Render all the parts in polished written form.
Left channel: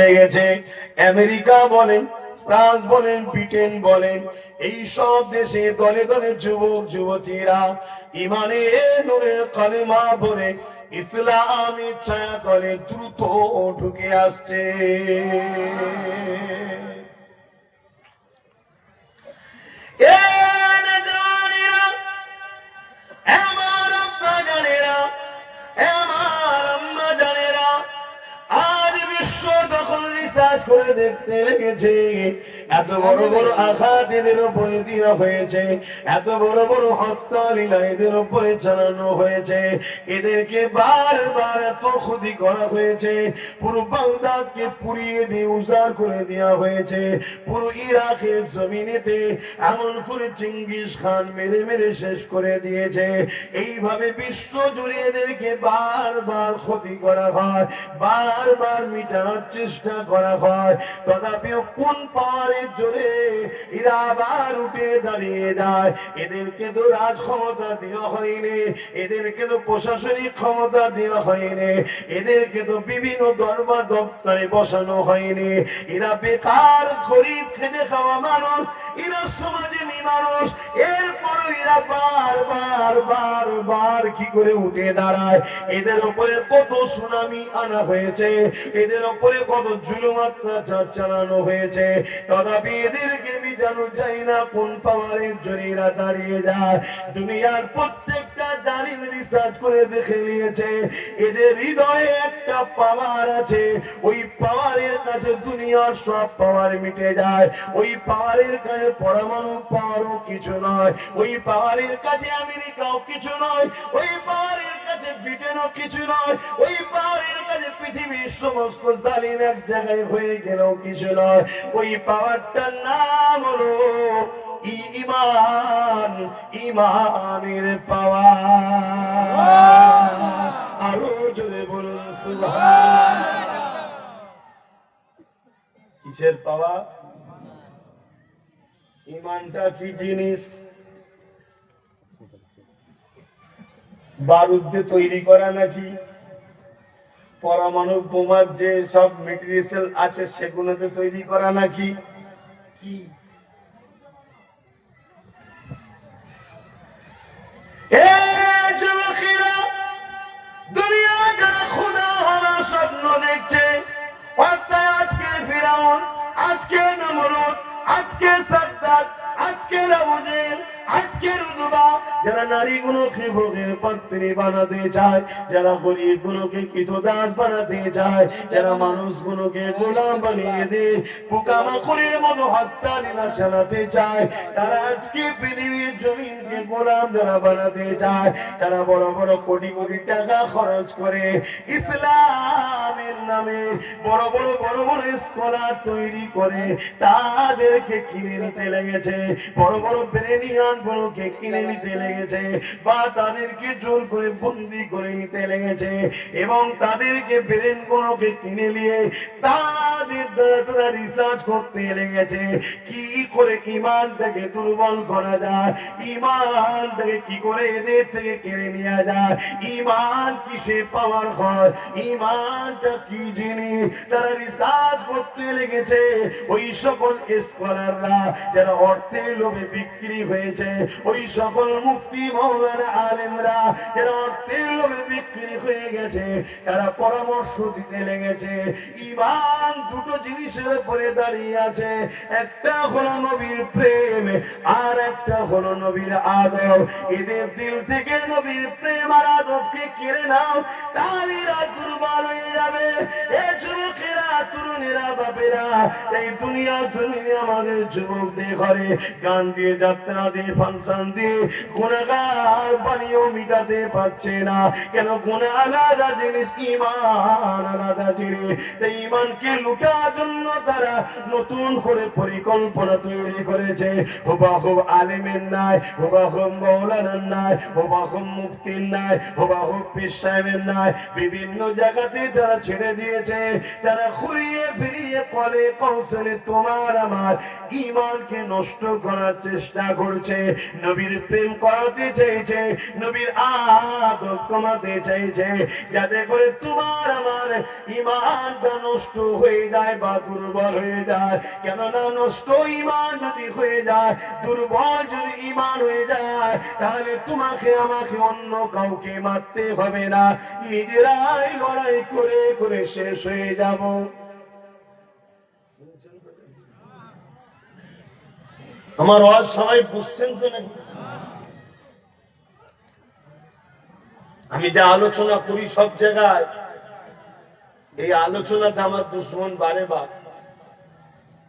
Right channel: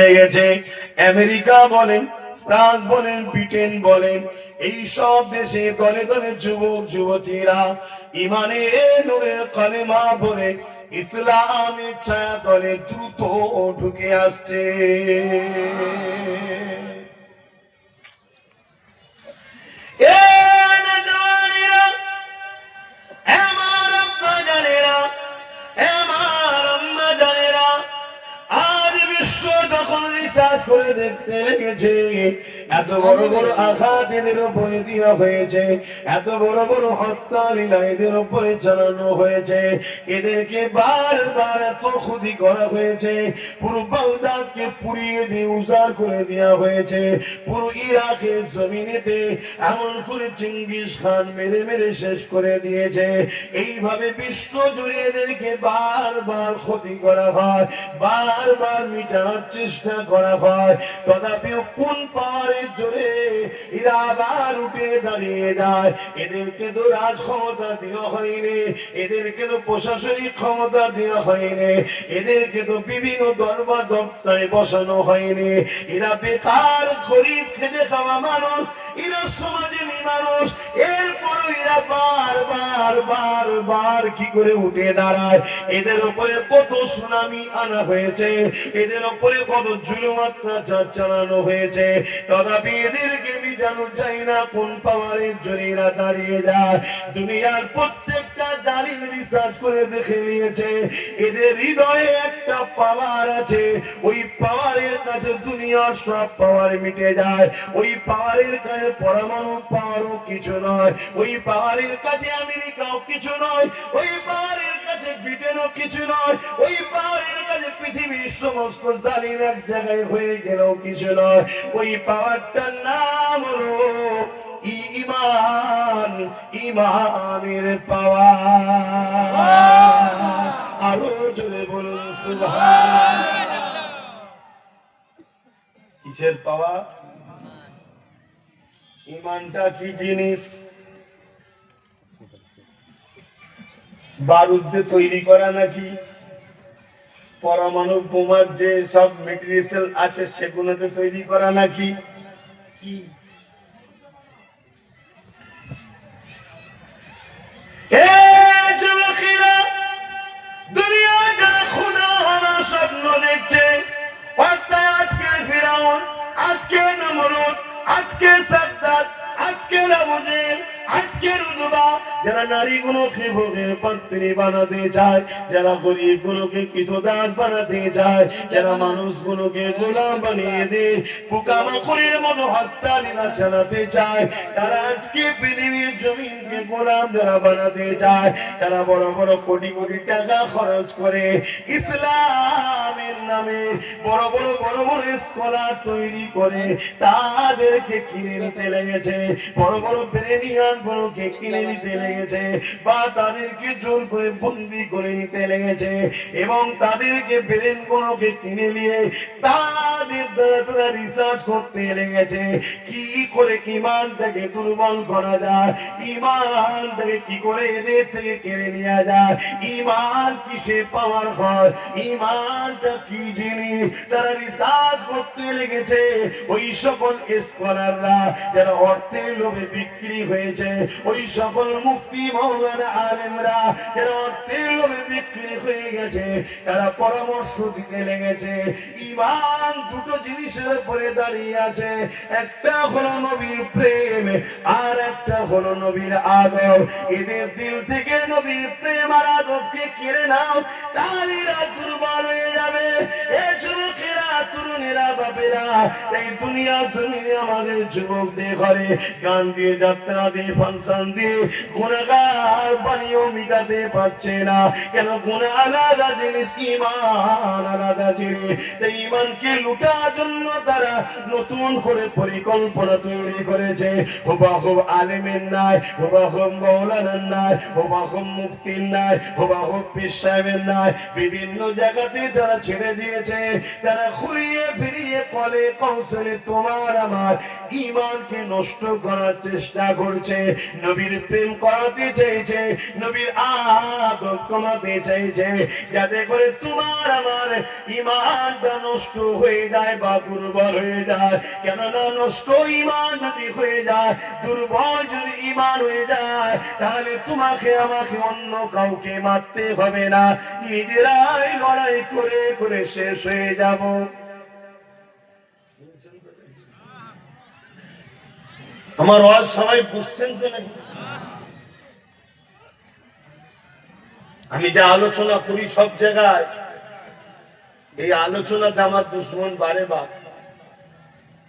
লেগেছে। আমেরিকা বলেন, ফ্রান্স বলেন, ব্রিটেন বলেন, এই সব দেশে দলে দলে যুবক যুবতীরা ইমানের নূরের কালেমা ভরে ইসলামের ছায়া তলে দ্রুত ঢুকে আসছে। করে দেখতে লেগেছে এত বড় বড় আঘাত এদের উপরে দেওয়া হয়েছে, এত বড় বড় হত্যা লীলা এদের উপরে চালানো হয়েছে, এদেরকে বারবার এত ক্ষতি করা হয়েছে, পুরো বাগদাদকে পুড়িয়ে দিয়ে উজাড় করে দেওয়া হয়েছে, পুরো ইরাকের জমিনেতে এমন করে চেঙ্গিস খান মেরে মেরে শেষ করে দিয়েছে। এইভাবে বিশ্ব জুড়ে এদেরকে বারবার ক্ষতি করা হয়, বারবার মিটানোর চেষ্টা করা হয়, তথাপিও কোন পাওয়ারের জোরে এরা আবার উঠে দাঁড়িয়ে যায়। এদেরকে তো রাজ ক্ষমতা দেওয়া হয়নি, এদেরকে তো প্রশাসনিক ক্ষমতা দেওয়া হয়নি, এদেরকে তো বিভিন্ন দরবার দপ্তরে বসানো হয়নি। এরা বেকার গরিব খেটে খাওয়া মানুষ, এরা সমাজে মানুষ, এরপরও এরা বারবার বারবার কি করে উঠে দাঁড়ায়। এদের উপরে কত সুনামি আনা হয়েছে, এদের উপরে কত জুলুম অত্যাচার চালানো হয়েছে, তথাপি এদেরকে মিটানো যায় না কোন পাওয়ারের জোরে এরা দাঁড়িয়ে যায়। দুনিয়ার প্রত্যেকটা জালিম রিসার্চ করে দেখে নিয়েছে এদের হৃদয়ে একটা পাওয়ার আছে, ওই পাওয়ারের কাছে দুনিয়ার সব পাওয়ার মিটে যায়, ওই পাওয়ারের কাছে পরমাণু পাওয়ারও কিছু নয়, ওই পাওয়ারের কাছে আমেরিকাও কিছু নয়, ওই পাওয়ারের কাছে ব্রিটেনও কিছু নয়, ওই পাওয়ারের কাছে পৃথিবীর সমস্ত জালিম এক জায়গায় হয়ে গেলেও কিছু নয়। ওই পাওয়ারটার নাম হলো ঈমান, ইমানের পাওয়ার। আরো জোরে বলুন সুবহানাল্লাহ। কিসের পাওয়ার? ইমানটা কি জিনিস? বারুদ দিয়ে তৈরি করা নাকি? পরমাণু বোমার যে সব মেটেরিয়াল আছে সেগুলোতে তৈরি করা নাকি? কি দুনিয়া যারা খোদা হওয়ার স্বপ্ন দেখছে, আজকে ফিরাউন, আজকে নমরুদ, আজকে সাদ্দাত, আজকে আবু জেহেল, আজকে উতবা, যারা নারীগুলোকে ভোগের পাত্রী বানাতে চায়, যারা গরিবগুলোকে কৃতদাস বানাতে চায়, যারা মানুষগুলোকে গোলাম বানিয়ে দিয়ে পোকামাকড়ের মতো হত্যা লীলা চালাতে চায়, তারা আজকে পৃথিবীর জমিনকে গোলাম যারা বানাতে চায়, তারা বড় বড় কোটি কোটি টাকা খরচ করে ইসলামের নামে বড় বড় বড় বড় স্কলার তৈরি করে তাদেরকে কিনে নিতে লেগেছে, বড় বড় ব্রেনিয়ান গুলোকে কিনে নিতে লেগেছে, বা তাদেরকে জোর করে বন্দি করে নিতে লেগেছে, এবং তাদেরকে ব্রেন গুলোকে কিনে নিয়ে তাদের দ্বারা তারা রিসার্চ করতে লেগেছে কি করে ইমানটাকে দুর্বল করা যায়, ইমানটাকে কি করে এদের থেকে কেড়ে নেওয়া যায়, ইমান কিসে পাওয়ার হয়, ইমানটা কি জিনিস, তারা রিসার্চ করতে লেগেছে। ওই সকল স্কলাররা যারা অর্থের লোভে বিক্রি হয়েছে, ওই সকল মুফতি মাওলানা আলেমরা যারা অর্থের লোভে বিক্রি হয়ে গেছে, তারা পরামর্শ দিতে লেগেছে ইমান দুটো জিনিসের উপরে দাঁড়িয়ে আছে, একটা হলো নবীর প্রেম আর একটা হলো নবীর আদব। এদের দিল থেকে নবীর প্রেম আর আদবকে কেড়ে নাও, তাহলে এরা দুর্বল হয়ে যাবে। এ যুবকেরা, তরুণেরা, বাপেরা, এই দুনিয়া জমিনে আমাদের যুবকদের ঘরে গান দিয়ে, যাত্রা দিয়ে, ফাংশন দিয়ে গুনাহগার বানিয়েও মিটাতে পারছে না। কেন? গুনাহ আলাদা জিনিস, ঈমান আলাদা জিনিস। এই ঈমানকে লুটার জন্য তারা নতুন করে পরিকল্পনা তৈরি করেছে। হুবহুব আলেমের নাই, হুবহুব মাওলানার নাই, হুবহুব মুফতির নাই, হুবহুব পীর সাহেবের নাই, বিভিন্ন জায়গাতে তারা ছেড়ে দিয়েছে। তারা ঘুরিয়ে ফিরিয়ে কলে কৌশলে তোমার আমার ঈমানকে নষ্ট করার চেষ্টা করছে, নবীর প্রেম করাতে চেয়েছে, নবীর আদব কমাতে চাইছে, যাতে করে তোমার আমার ঈমানটা নষ্ট হয়ে যায় বা দুর্বল হয়ে যায়। কেননা নষ্ট ঈমান যদি হয়ে যায়, দুর্বল যদি ঈমান হয়ে যায়, তাহলে তোমাকে আমাকে অন্য কাউকে মারতে হবে না, নিজেরাই লড়াই করে করে শেষ হয়ে যাব। আমার ওয়াজ সবাই বুঝছেন তো নাকি? আমি যা আলোচনা করি সব জায়গায়, এই আলোচনাতে আমার দুশ্মন বাড়ে বাপ।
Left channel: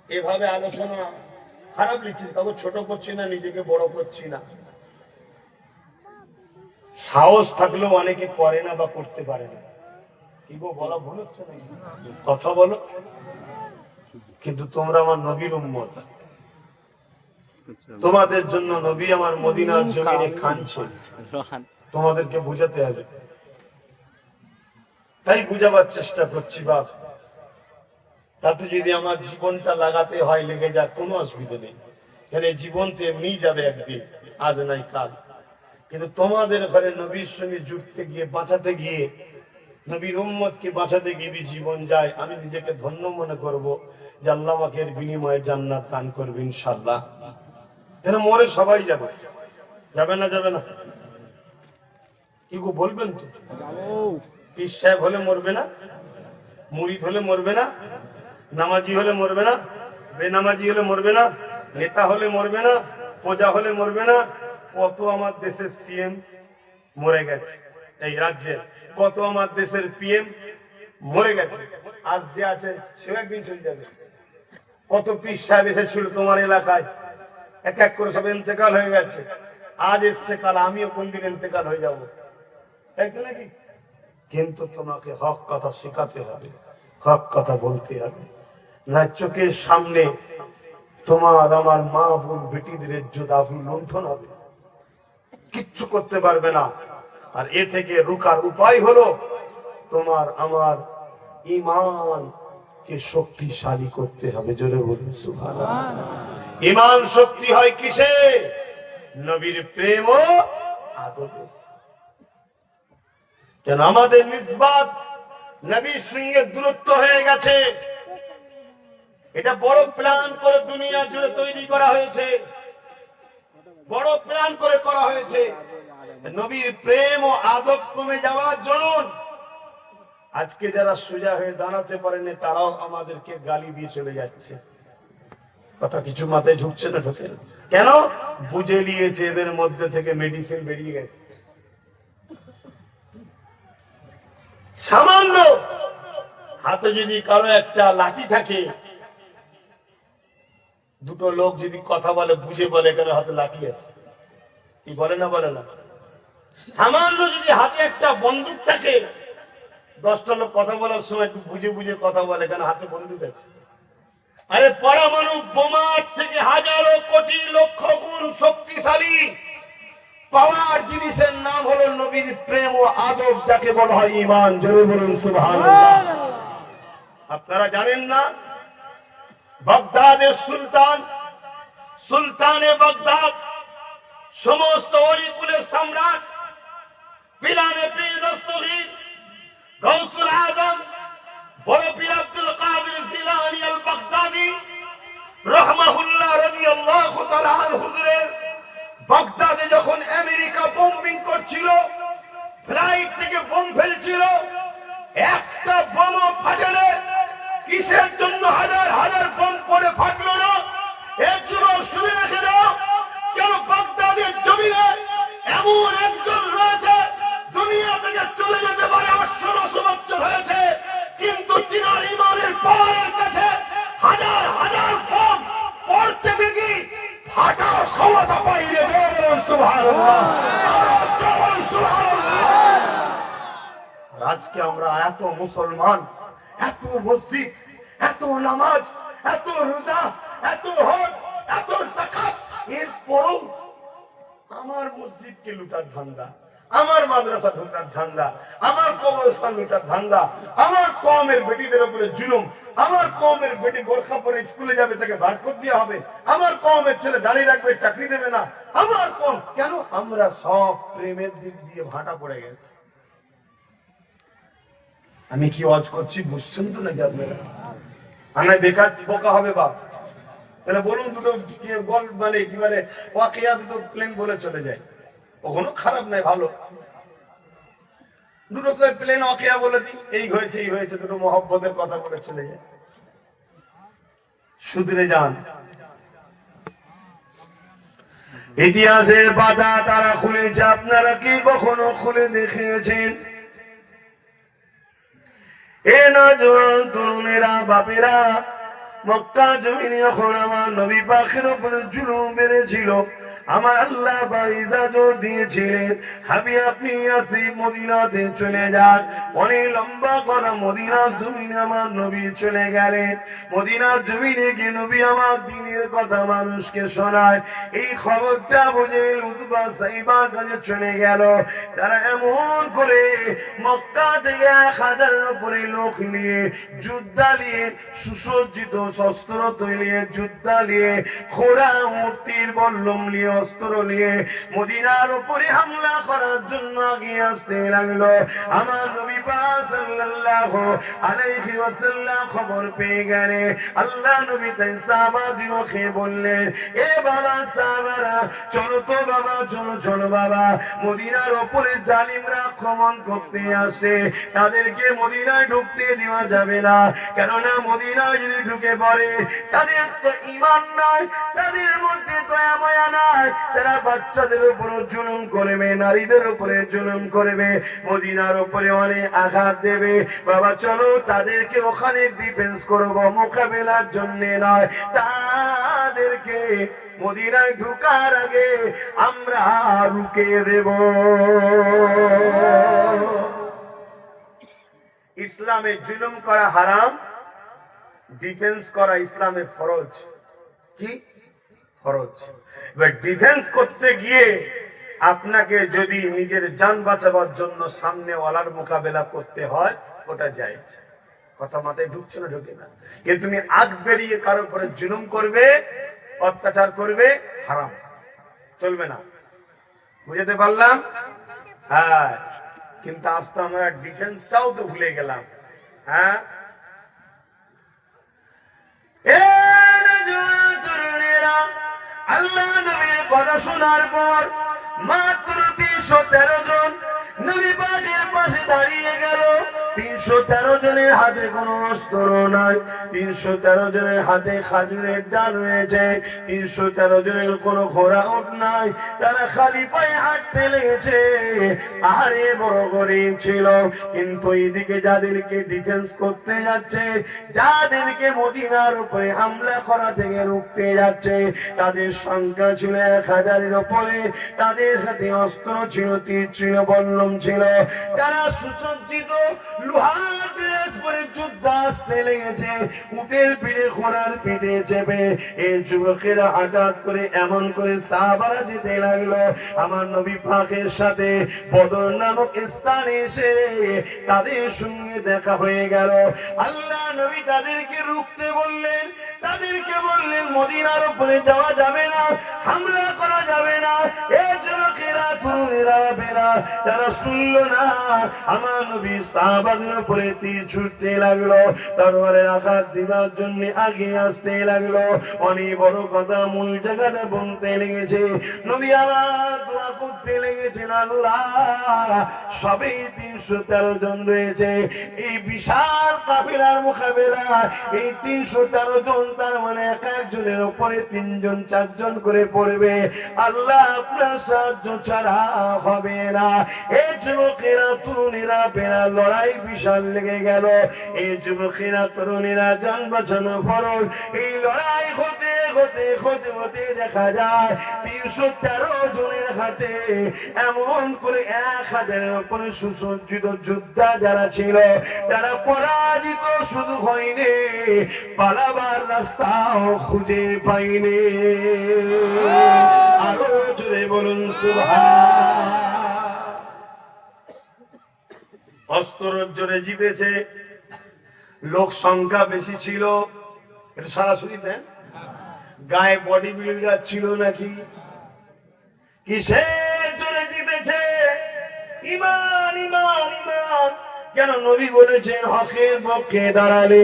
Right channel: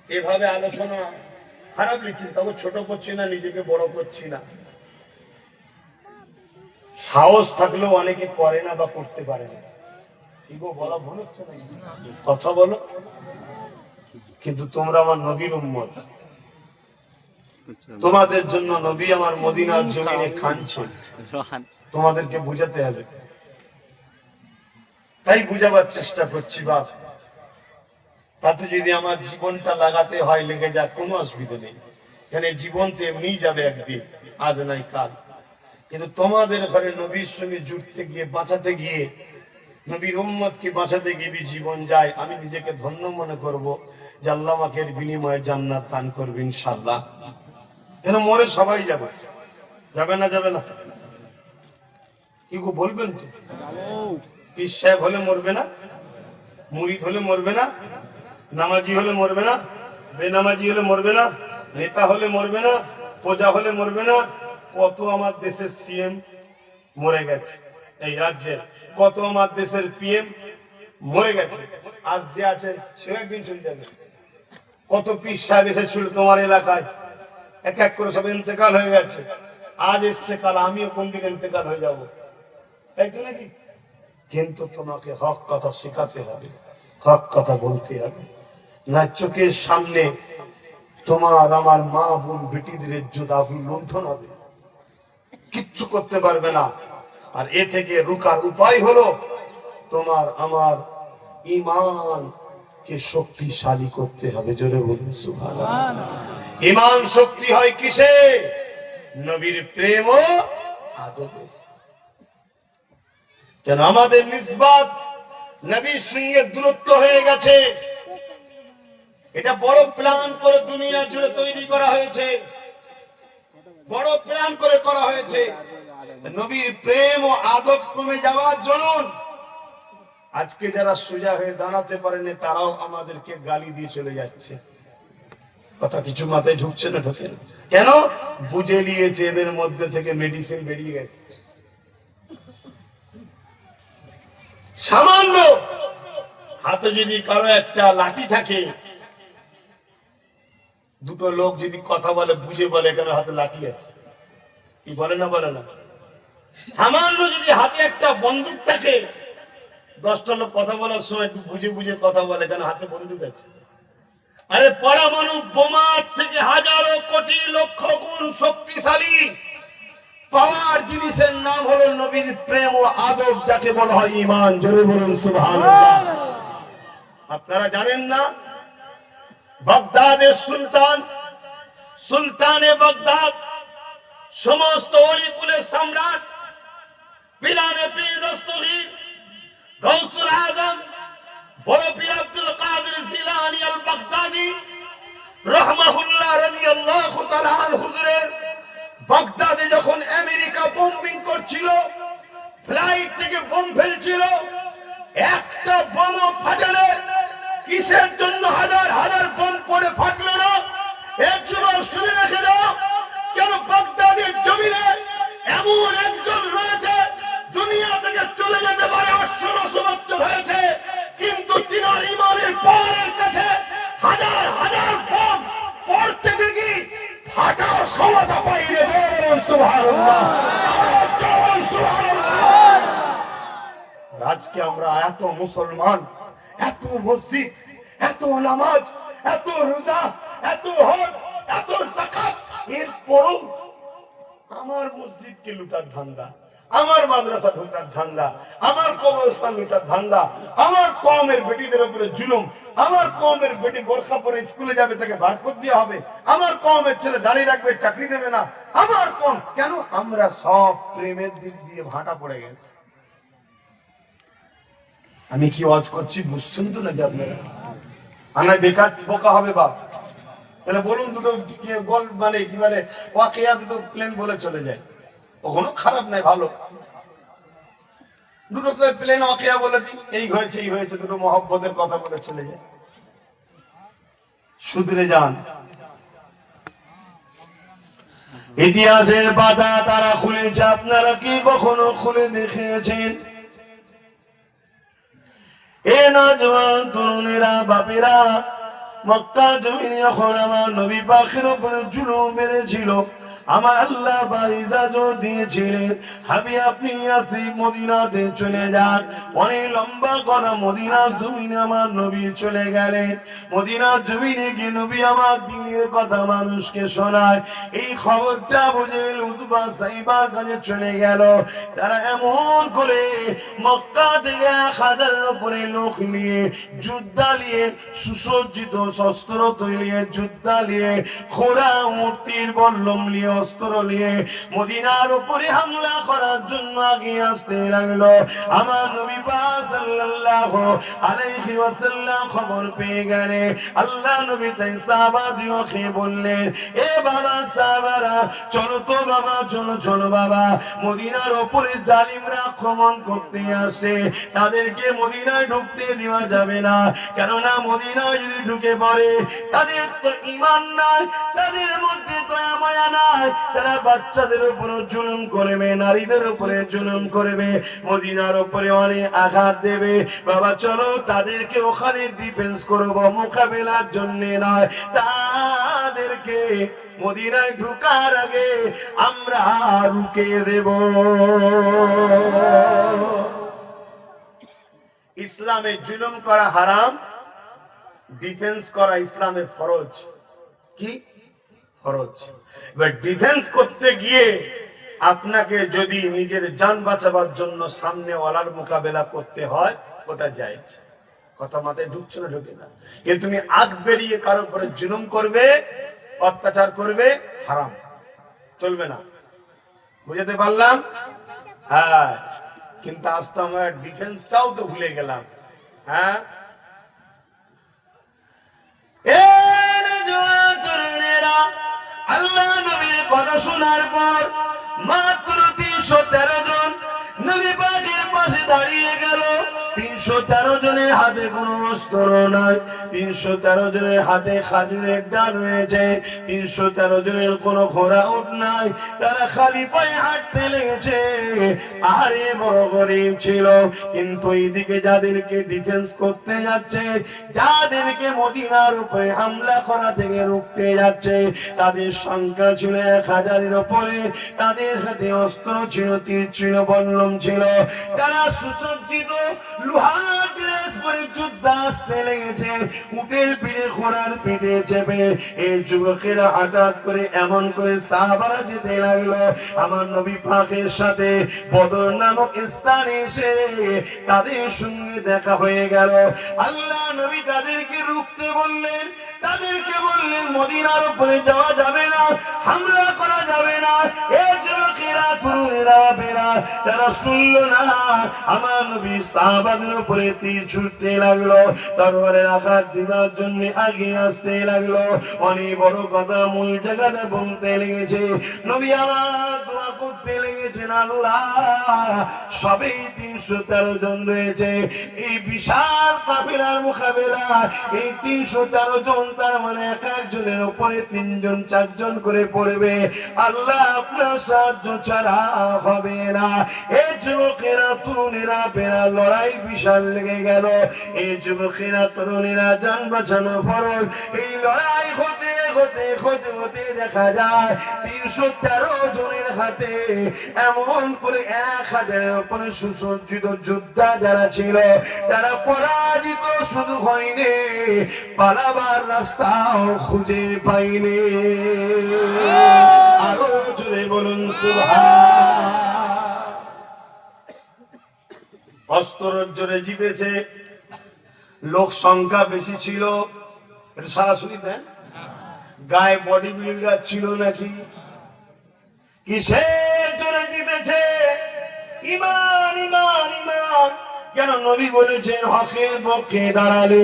এভাবে আলোচনা খারাপ লিখছি, কাউকে ছোট করছি না, নিজেকে বড় করছি না। সাহস থাকলেও অনেকে করে না বা করতে পারে না। এগো বলা ভুল হচ্ছে না, কথা বলো। কিন্তু তোমরা আমার নবীর উম্মত, তোমাদের জন্য নবী আমার মদিনার জমিনে কাঁদছে, তোমাদেরকে বুঝাতে হবে। তাই বুঝাবার চেষ্টা করছি বাপ। তাতে যদি আমার জীবনটা লাগাতে হয় লেগে যাক, কোনো অসুবিধা নেই, কেন জীবন তো এমনি যাবে একদিন, আজ নাই কাল। কিন্তু তোমাদের ঘরে নবীর সঙ্গে জুড়তে গিয়ে, বাঁচাতে গিয়ে, নবীর উম্মতকে বাঁচাতে গিয়ে যদি জীবন যায়, আমি নিজেকে ধন্য মনে করব যে আল্লাহ আমাকে এর বিনিময়ে জান্নাত দান করবে ইনশাআল্লাহ। যেন মরে সবাই যাবে, যাবে না? যাবে না? কি গো বলবেন তো? পীর সাহেব হলে মরবে না, মুরিদ হলে মরবে না, নামাজি হলে মরবে না, বেনামাজি হলে মরবে না, নেতা হলে মরবে না, প্রজা হলে মরবে না। কত আমার দেশের সিএম মরে গেছে, এই রাজ্যের কত আমার দেশের পিএম মরে গেছে, আজ যে আছে সে একদিন চলে যাবে। কত পীর সাহেব এসেছিল তোমার এলাকায়, এক এক করে সব ইন্তেকাল হয়ে গেছে, আজ এসছে, কাল আমিও কোন দিন ইন্তেকাল হয়ে যাব, তাই তো নাকি? কিন্তু তোমাকে হক কথা শেখাতে হবে, হক কথা বলতে হবে, না চোখের সামনে তোমার আমার মা বোন বেটিদের ইজ্জত আবরু লুণ্ঠন হবে, কিচ্ছু করতে পারবে না। আর এ থেকে রুকার উপায় হলো তোমার আমার ঈমানকে শক্তিশালী করতে হবে। জোরে বলুন সুবহানাল্লাহ। ঈমান শক্তি হয় কিসে? নবীর প্রেম ও আদবে। কেন আমাদের নিসবত নবীর সঙ্গে দূরত্ব হয়ে গেছে। এটা বড় প্ল্যান করে দুনিয়া জুড়ে তৈরি করা হয়েছে, বড় প্ল্যান করে করা হয়েছে। নবীর প্রেম ও আদব কমে যাওয়ার জন্য আজকে যারা সোজা হয়ে দাঁড়াতে পারেনি তারাও আমাদেরকে গালি দিয়ে চলে যাচ্ছে। কথা কিছু মাথায় ঢুকছে না? ঢোকে না কেন? বুঝে নিয়েছে এদের মধ্যে থেকে মেডিসিন বেরিয়ে গেছে। সামান্য হাতে যদি কারো একটা লাঠি থাকে, দুটো লোক যদি কথা বলে বুঝে বলে এখানে হাতে লাঠি আছে, কি বলে না? বলে না? সামান্য যদি হাতে একটা বন্দুক থাকে, 10টা লোক কথা বলার সময় একটু বুঝে বুঝে কথা বলে এখানে হাতে বন্দুক আছে। আরে পরমাণু বোমার থেকে হাজারো কোটি লক্ষ গুণ শক্তিশালী পাওয়ার জিনিসের নাম হলো নবীর প্রেম ও আদব, যাকে বলা হয় ঈমান। জোরে বলুন সুবহানাল্লাহ। আপনারা জানেন না, বাগদাদের সুলতান, সুলতানে বাগদাদ, সমস্ত অলিকুলের সম্রাট, পীরানে পীর দস্তগীর, গৌসুল আজম, বড় পীর আব্দুল কাদের জিলানী আল বাগদাদি রাহমাহুল্লাহ রাদিয়াল্লাহু তাআলা হুজুরের বাগদাদে যখন আমেরিকা বোম্বিং করছিল, ফ্লাইট থেকে বোম ফেলছিল, একটা বোমও ফাটেনি। কিসের জন্য হাজার হাজার বোম পড়ে ফাটলো না? এর যুবক শুনে রেখে দাও, কেন বাগদাদের জমিনে এমন একজন রয়েছে দুনিয়া থেকে চলে যেতে পারে 800-900 বছর হয়েছে, কিন্তু তিনার ঈমানের পাওয়ারের কাছে হাজার হাজার বোম পড়ছে ঠিকই, ফাটার ক্ষমতা পাইলে। সুবহানাল্লাহ, সুবহানাল্লাহ। আজকে আমরা এত মুসলমান, এত মসজিদ, এত নামাজ, এত রোজা, এত হজ, এত যাকাত, এরপরও আমার মসজিদকে লুটার ধান্দা, আমার মাদ্রাসা ঢোকার ধান্দা, আমার কবরস্থান লুটার ধান্দা, আমার কওমের বেটিদের উপরে জুলুম, আমার কওমের বেটি বোরখা পরে স্কুলে যাবে তাকে বারকত দেওয়া হবে, আমার কওমের ছেলে দাঁড়িয়ে রাখবে চাকরি দেবে না, আমার কওম কেন? আমরা সব প্রেমের দিক দিয়ে ভাটা পড়ে গেছে। আমি কি ওয়াজ করছি বুঝছেন তো নাকি আপনারা? আনায় বেকার বোকা হবে বাপ। তাহলে বলুন দুটো মানে কি মানে ওয়াকিয়া দুটো প্লেন বলে চলে যায়, কখনো খারাপ নাই, ভালো। দুটো প্লেন ওয়াকিয়া বলে দিই, এই হয়েছে এই হয়েছে, দুটো মহব্বতের কথা বলে চলে যায়। সুধরে যান। ইতিহাসের পাতা তারা খুলেছে, আপনারা কি কখনো খুলে দেখিয়েছেন? এ নওজোয়ান তরুণেরা, বাপেরা, মক্কা জমিনে যখন আমার নবী পাকের উপরে জুলুম বেড়েছিল, আমার আল্লাহ ইজাজত দিয়েছিলেন, হাবি আপনি ইয়াসরিব মদিনাতে চলে যান। অনেক লম্বা কথা, মদিনার জমিনে আমার নবী চলে গেলেন। মদিনার জমিনে গিয়ে নবী আমার দ্বীনের কথা মানুষকে শোনায়। এই খবরটা বুঝে উতবা সাইবার কাছে চলে গেল। তারা এমন করে মক্কা থেকে 1000-এর উপরে লোক নিয়ে, যোদ্ধা নিয়ে, সুসজ্জিত শস্ত্র তৈরি যোদ্ধা নিয়ে, ঘোড়া মূর্তির বল্লম নিয়ে, অস্ত্র নিয়ে মদিনার উপরে হামলা করার জন্য আগিয়ে আসতে লাগলো। আমার নবী পাক সাল্লাল্লাহু আলাইহি ওয়াসাল্লাম খবর পেয়ে গেলেন। আল্লাহ নবী তাই সাহাবাদেরকে বললেন, এ বাবা সাহাবারা, চলো তো বাবা, চলো চলো বাবা, মদিনার উপরে জালিমরা আক্রমণ করতে আসে, তাদেরকে মদিনায় ঢুকতে দেওয়া যাবে না। কেননা মদিনায় যদি ঢুকে পড়ে, তাদের তো ঈমান নাই, তাদের মধ্যে দয়া মায়া নাই, তারা বাচ্চাদের উপর জুলুম করবে, নারীদের উপরে জুলুম করবে, মদিনার উপরে অনেক আঘাত দেবে। বাবা চলো তাদেরকে ওখানে ডিফেন্স করব, মোকাবেলার জন্য নয়, তাদেরকে মদিনায় ঢুকার আগে আমরা রুকে দেব। ইসলামে জুলুম করা হারাম, ডিফেন্স করা ইসলামে ফরজ। কি ফরজ? এবার ডিফেন্স করতে গিয়ে আপনাকে যদি নিজের জান বাঁচাবার জন্য সামনে ওয়ালার মোকাবেলা করতে হয়, ওটা জায়েজ। কথা মাথায় ঢুকছে না? ঢুকে না। কিন্তু তুমি আগ বেরিয়ে কারো উপরে জুলুম করবে, অত্যাচার করবে, হারাম, চলবে না। বুঝতে পারলাম? হ্যাঁ, কিন্তু আজ তো আমরা ডিফেন্সটাও তো ভুলে গেলাম। হ্যাঁ, আল্লাহ নবীর কথা শোনার পর মাত্র 313 জন নবী পাকের পাশে দাঁড়িয়ে গেল। 313 জনের হাতে কোনো অস্ত্র নাই, 313 জনের হাতে খাজুরের ডাল রয়েছে, 313 জনের কোনো ঘোড়া উট নাই, তারা খালি পায়ে হাঁটতে লেগেছে। আরে বড় গরিব ছিল, কিন্তু এইদিকে যাদেরকে ডিফেন্স করতে যাচ্ছে, যাদেরকে মদিনার উপরে হামলা করা থেকে রুখতে যাচ্ছে, তাদের সংখ্যা ছিল 1000-এর উপরে, তাদের সাথে অস্ত্র ছিল, তীর ছিল, বল্লম ছিল, তারা সুসজ্জিত লোহার ড্রেস পরে যুদ্ধ আসতে লেগেছে, উটের পিঠে, ঘোড়ার পিঠে চেপে। এই যুবকেরা হঠাৎ করে এমন করে সাহাবারা যেতে লাগলো, আমার নবী পাকের সাথে বদর নামক স্থানে এসে তাদের সঙ্গে দেখা হয়ে গেল। আল্লাহ নবী তাদেরকে রুখতে বললেন, তাদেরকে বললেন মদিনার উপরে যাওয়া যাবে না, হামলা করা যাবে না। এই যুবকেরা, তরুণেরা, বেরা, তারা শুনল না। আমার নবী সাহাবাদের উপরে তীর ছুটতে লাগলো, তরবারের আঘাত দিবার জন্য আগিয়ে আসতে লাগলো। অনেক বড় কথা মূল জায়গাটা বলতে লেগেছে। নবী আমার দোয়া করতে লেগেছেন, আল্লাহ সবেই 313 জন রয়েছে, এই বিশাল কাফেলার মোকাবেলা এই 313 জন, তার মানে এক একজনের উপরে 3 জন 4 জন করে পড়বে। আল্লাহ আপনার সাহায্য ছাড়া হবে না। এই যুবকেরা, তরুণেরা, বেরা, লড়াই বিশাল লেগে গেল। এই যুবকেরা, তরুণেরা, জান বাঁচানো ফরজ। এই লড়াই হতে হতে হতে হতে দেখা যায় 313 জনের হাতে এমন করে 1000-এর উপরে সুসজ্জিত যোদ্ধা যারা ছিল, তারা পরাজিত শুধু হয়নি, পালাবার রাস্তাও খুঁজে পাইনি। আরো জোরে বলুন সুবহান। অস্ত্রের জোরে জিতেছে, লোক সংখ্যা বেশি ছিল, এটা সরাসরি দেন, গায়ে বডি বিল্ডার ছিল নাকি, কিসের জোরে জিতেছে? ইমান, ইমান, ইমান। কেন নবী বলেছেন হকের পক্ষে দাঁড়ালে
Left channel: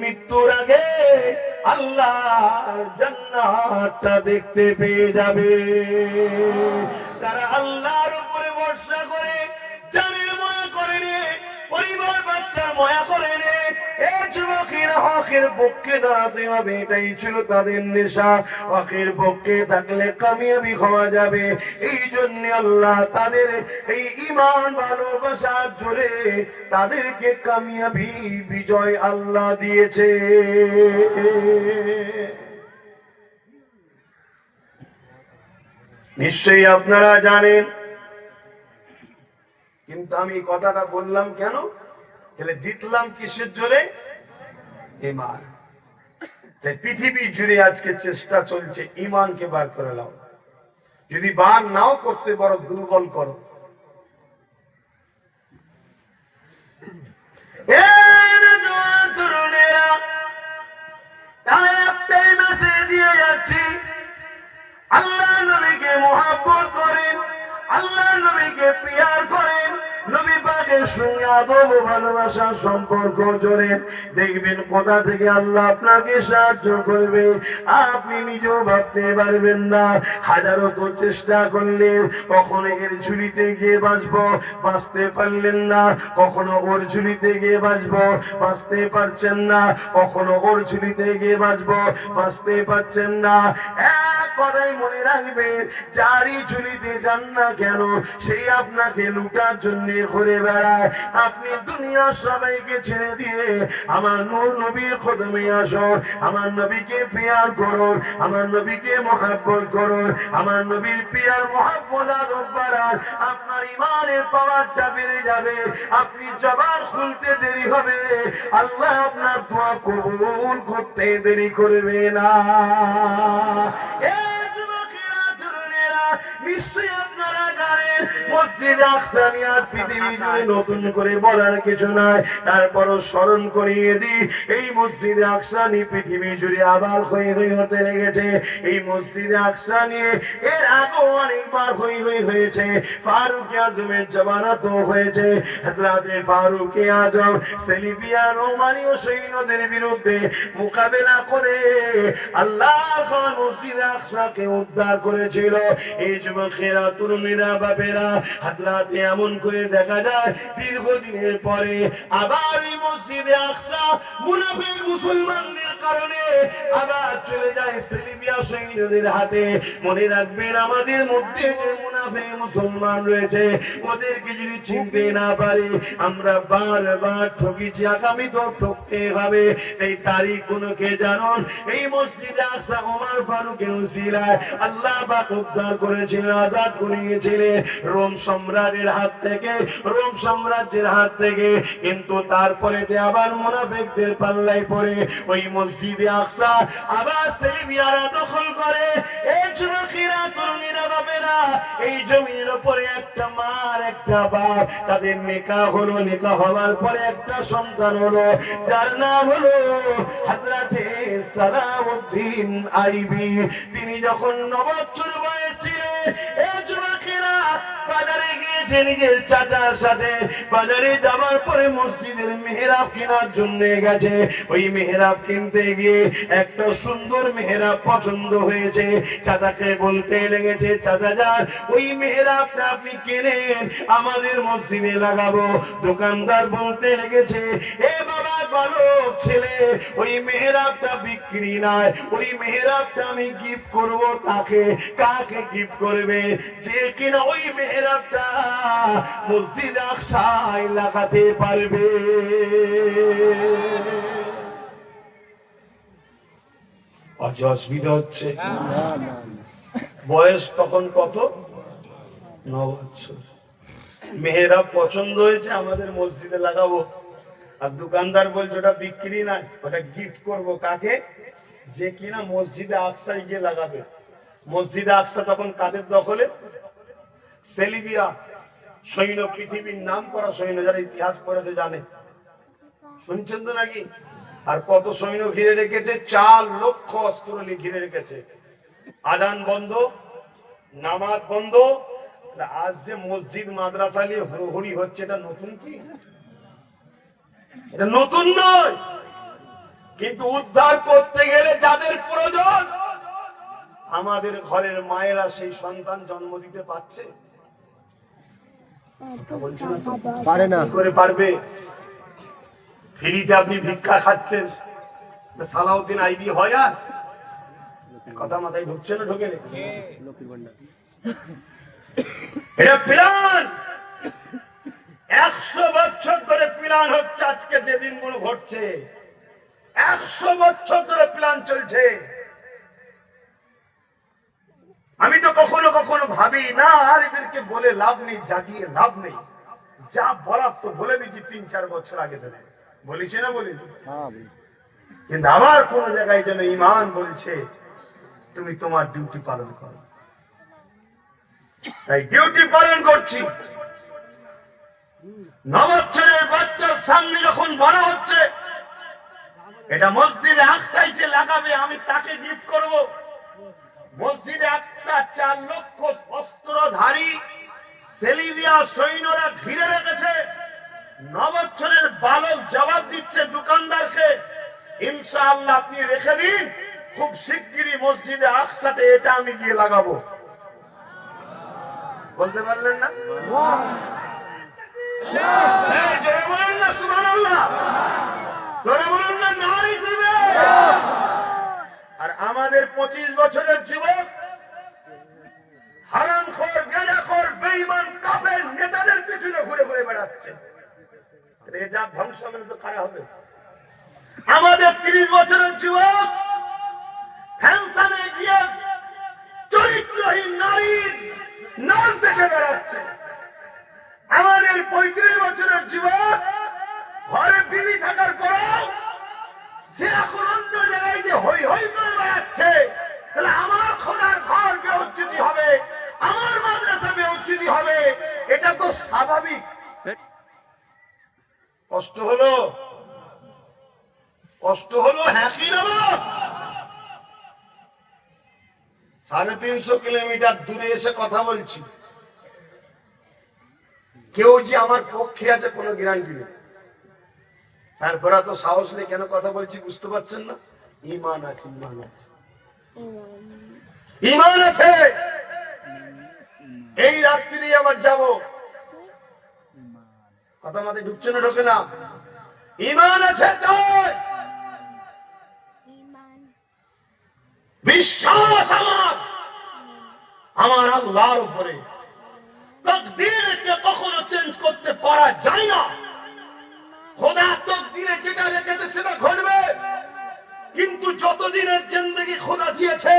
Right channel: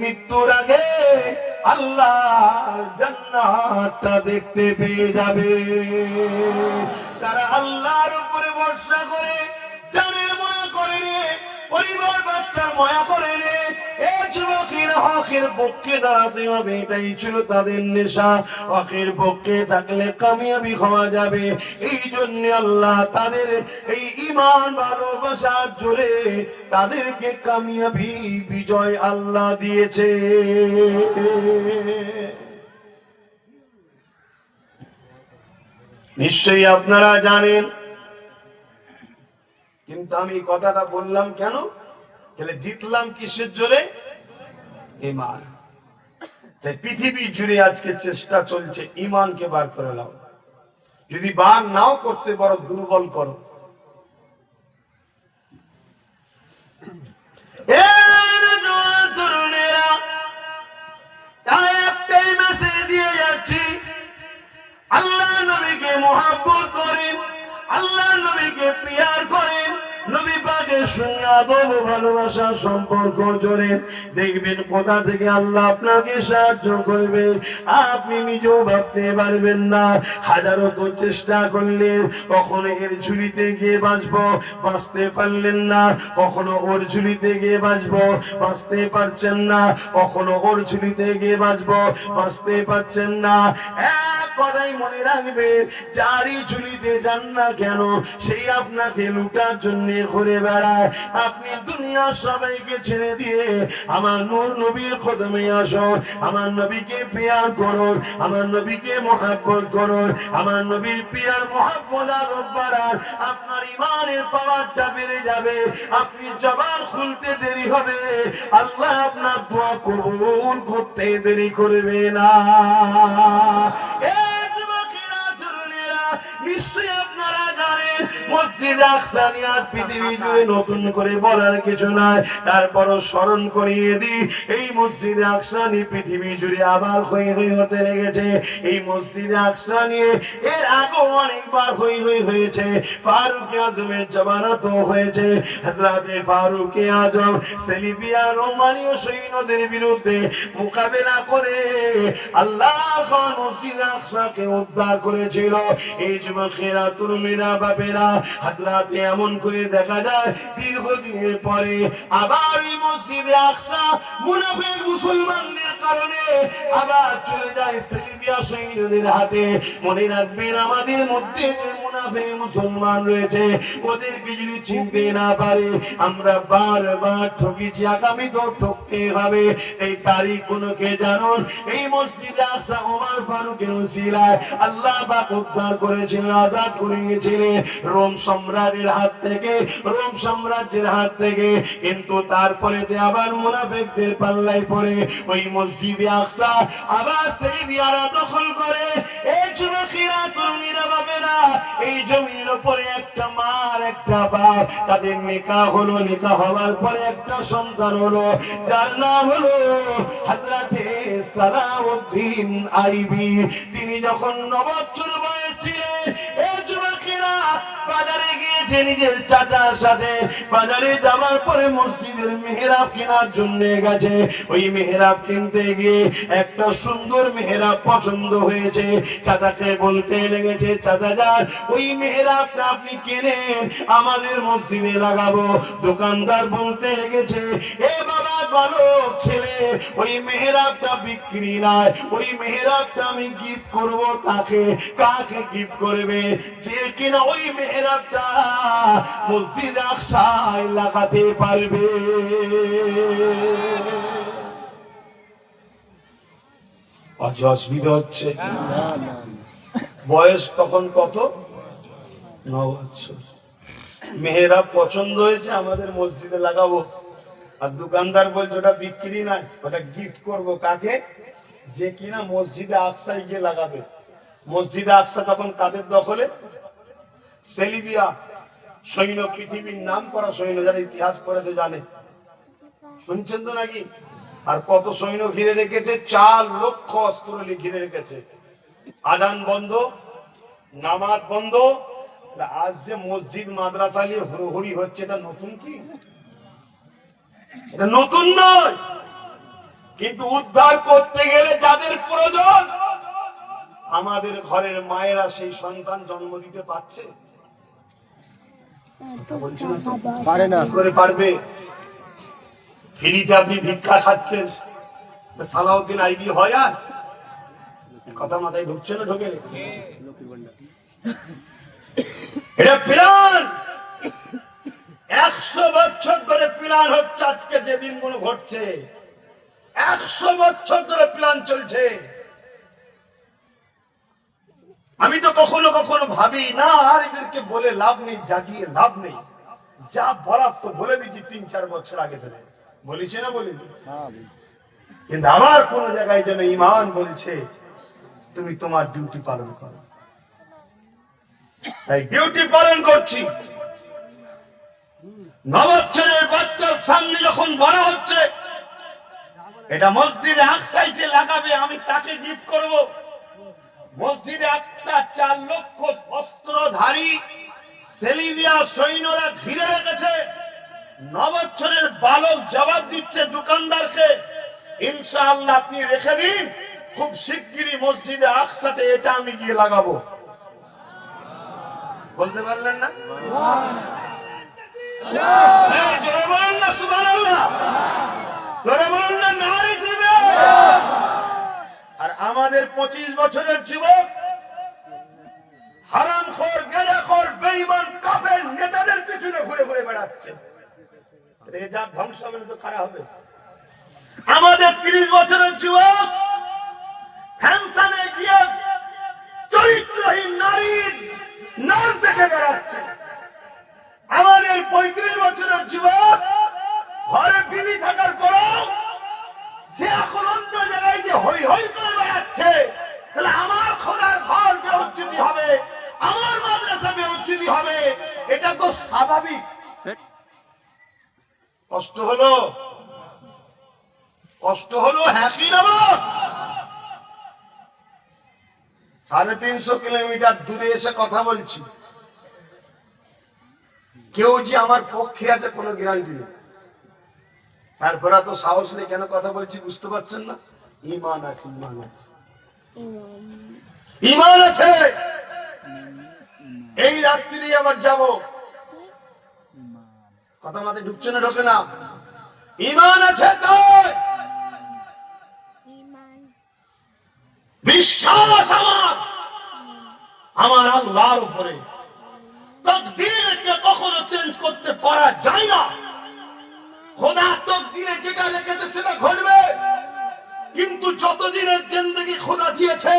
মৃত্যুর আগে আল্লাহর জান্নাতটা দেখতে পেয়ে যাবে। তারা আল্লাহর উপরে ভরসা করে জানের মায়া করে নে, পরিবার বাচ্চার মায়া করে নে, এই যুবকেরা হকের পক্ষে দাঁড়াতে হবে, এটাই ছিল তাদের নেশা। হকের পক্ষে থাকলে কামিয়াবি হওয়া যাবে, এই জন্য আল্লাহ তাদের এই ঈমান ভালোবাসার জোরে তাদেরকে কামিয়াবি বিজয় আল্লাহ দিয়েছে। নিশ্চয়ই আপনারা জানেন, কিন্তু আমি কথাটা বললাম কেন? তাহলে জিতলাম কিসের জোরে? ঈমান। তাই পৃথিবী জুড়ে আজকে চেষ্টা চলছে ঈমানকে বার করে নাও, যদি বার নাও করতে পারো দুর্বল করো। তাই একটাই মেসেজ দিয়ে যাচ্ছি, আল্লাহ নবীকে মুহাব্বত করেন, আল্লাহ নবীকে প্রিয়ার করেন, নবী পাকের সঙ্গে আদব ও ভালোবাসার সম্পর্ক জোরে, দেখবেন কোথা থেকে আল্লাহ আপনাকে সাহায্য করবে আপনি নিজেও ভাবতে পারবেন না। হাজারো তো চেষ্টা করলেন, কখনো এর ঝুলিতে গিয়ে বাঁচতে পারলেন না, কখনো ওর ঝুলিতে গিয়ে বাঁচতে পারছেন না, কখনো ওর ঝুলিতে গিয়ে বাঁচতে পারছেন না। কথাই মনে রাখবে, যারই ঝুলিতে যান না কেন সেই আপনাকে লুটার জন্য ঘুরে বেড়ায়। আপনি দুনিয়ার সবাইকে ছেড়ে দিয়ে আমার নূর নবীর কদমে আসো, আমার নবীকে প্রিয়ার করুন, আমার নবীকে মহাব্বত করুন, আমার নবীর প্রিয়ার মহাব্বত আর বাড়ান, আপনার ঈমানের পাওয়ারটা বেড়ে যাবে। আপনি জবান খুলতে দেরি হবে, আল্লাহ আপনার দোয়া কবুল করতে দেরি করবে না। নিশ্চয়ই আপনারা জানেন মসজিদে আকসা নিয়ে পৃথিবী জুড়ে নতুন করে বলার কিছু নাই, তারপরও স্মরণ করিয়ে দিই, এই মসজিদে আকসা নিয়ে পৃথিবী জুড়ে আবার হই হই হতে লেগেছে। এই মসজিদে আকসা নিয়ে এর আগেও অনেকবার হই হই হয়েছে, ফারুক আজমের জামানাতো হয়েছে। হযরতে ফারুক আজম সেলিফিয়া রোমানীয় সৈন্যদের বিরুদ্ধে মোকাবেলা করে আল্লাহর খান মসজিদে আকসাকে উদ্ধার করেছিল। এই যুবকেরা, তরুণীরা, বাপেরা, হাজরাতে এমন করে দেখা যায় দীর্ঘদিনের পরে আবার এই মসজিদে আকসা মুনাফিক মুসলমানদের কারণে আবার চলে যায় সেলিফিয়া সৈন্যদের হাতে। মনে রাখবেন, আমাদের মধ্যে যে মুনাফিক মুসলমান রয়েছে ওদেরকে যদি চিনতে না পারি আমরা বারবার ঠকেছি, আগামী তো ঠকতে হবে। এই তারিখ কোনো কে জানুন, এই মসজিদে আকসা ওমর ফারুকের উসিলায় আল্লাহ পাক উদ্ধার করেছিলেন, আজাদ করিয়েছিলেন রোম সম্রাটের হাত থেকে, রোম সাম্রাজ্যের হাত থেকে। কিন্তু তারপরে আবার মুনাফিকদের পাল্লায় পড়ে ওই মসজিদে আকসা আবার সেলিবিয়ারা দখল করে। এই যুবকেরা, তরুণীরা, বাপেরা, এই জমির উপরে একটা মার একটা বাপ, তাদের নেকাহ হলো, নেকাহ হওয়ার পরে একটা সন্তান হলো, যার নাম হলো হযরতে সালাউদ্দিন আইবি। তিনি যখন 9 বছর বয়স ছিলেন, এই যুবকেরা বাজারে গিয়েছে নিজের চাচার সাথে। বাজারে যাওয়ার পরে মসজিদের মেহরাব কেনার জন্য গেছে। ওই মেহরাব কিনতে গিয়ে একটা সুন্দর মেহরাব পছন্দ হয়েছে। চাচাকে বলতে লেগেছে, চাচা যান ওই মেহরাবটা আপনি কিনেন, আমাদের মসজিদে লাগাবো। দোকানদার বলতে লেগেছে, এ বাবা বালক ছেলে, ওই মেহরাবটা বিক্রি নয়, ওই মেহরাবটা আমি গিফট করব। তাকে কাকে গিফট করবে? যে কিনা ওই মেহরাবটা মসজিদ আকসায় লাগাতে পারবে। অসুবিধা হচ্ছে? বয়স তখন কত? 9 বছর। মেহরাব পছন্দ হয়েছে, আমাদের মসজিদে লাগাবো। আর দোকানদার বলছে ওটা বিক্রি না, ওটা গিফট করব। কাকে? যে কিনা মসজিদে আকসায় গিয়ে লাগাবে। মসজিদে আকসা তখন কাদের দখলে? সেলিবিয়া। সৈন্য, পৃথিবীর নাম করা সৈন্য, যারা ইতিহাস পড়েছে জানে, শুনছেন তো নাকি? আর কত সৈন্য ঘিরে রেখেছে, 4 লক্ষ অস্ত্র ঘিরে রেখেছে। আজান বন্ধ, নামাজ বন্ধ। আজ যে মসজিদ মাদ্রাসা নিয়ে হুড়োহুড়ি হচ্ছে, এটা নতুন কি? এটা নতুন নয়, কিন্তু উদ্ধার করতে গেলে যাদের প্রয়োজন, আমাদের ঘরের মায়েরা সেই সন্তান জন্ম দিতে পারছে? বলছে না তো, পারে না। কি করে পারবে? ফ্রিতে আপনি ভিক্ষা খাচ্ছেন, সালাউদ্দিন আইবি হয়? আর কথা মাথায় ঢুকছে না? ঢোকে? এটা প্ল্যান, 100 বছর ধরে প্ল্যান হচ্ছে। আজকে যে দিনগুলো ঘটছে, 100 বছর ধরে প্ল্যান চলছে। আমি তো কখনো কখনো ভাবি না, আর এদেরকে বলে লাভ নেই, জাগিয়ে লাভ নেই। যা বলার তো বলে দিচ্ছি 3-4 বছর আগে ধরে বলেছি না, বলিনি? কিন্তু আবার কোন জায়গায় যেন ঈমান বলছে তুমি তোমার ডিউটি পালন করো। তাই ডিউটি পালন করছি। নবচ্ছরের বাচ্চার সামনে যখন বলা হচ্ছে এটা মসজিদে আকসায় যে লাগাবে, আমি তাকে গিফট করব। মসজিদে আকসা 4 লক্ষ অস্ত্রধারী সেলিবিয়া সৈন্যরা ঘিরে রেখেছে। নবচ্ছরের বালক জবাব দিচ্ছে দোকানদারকে, ইনশাআল্লাহ আপনি রেখে দিন, খুব শিগগিরই মসজিদে আকসাতে এটা আমি গিয়ে লাগাবো। বলতে পারলেন না? জোরে বলুন না সুবহানাল্লাহ, জোরে বলুন না নারে দিবে। আর আমাদের 25 বছরের যুবক হারামখোর, গেলাখোর, বেঈমান, কাফের নেতাদের পিছনে ঘুরে ঘুরে বেড়াচ্ছে। এ যা ধ্বংস হবে তো কারা হবে? আমাদের 30 বছরের যুবক ফ্যাশনে গিয়ে চরিত্রহীন নারীর নাচ দেখে বেড়াচ্ছে। আমাদের 35 বছরের যুবক ঘরে বিবি থাকার পরও সে এখন অন্য জায়গায় যে হই হই করে বেড়াচ্ছে। তাহলে আমার খোদার ঘর বেউজ্জতি হবে, আমার মাদ্রাসা বেউজ্জতি হবে, এটা তো স্বাভাবিক। কষ্ট হলো, কষ্ট হলো, হ্যাঁ কি না? 350 কিলোমিটার দূরে এসে কথা বলছি, কেউ যে আমার পক্ষে আছে কোনো গ্যারান্টি নেই। তারপরে তো সাহস নেই কেন কথা বলছি বুঝতে পারছেন না? ঈমান আছে, ঈমান আছে, ঈমান আছে। এই রাত্রি আবার যাব, কথা মাথায় ঢুকছে না? ঢোকে না? ঈমান আছে, তাই বিশ্বাস আমার আমার আল্লাহর উপরে। তাকদীরকে কখনো চেঞ্জ করতে পারা যায় না। খোদা তাকদীরে যেটা রেখেছে সেটা ঘটবে। কিন্তু যতদিনের জিন্দেগি খোদা দিয়েছে,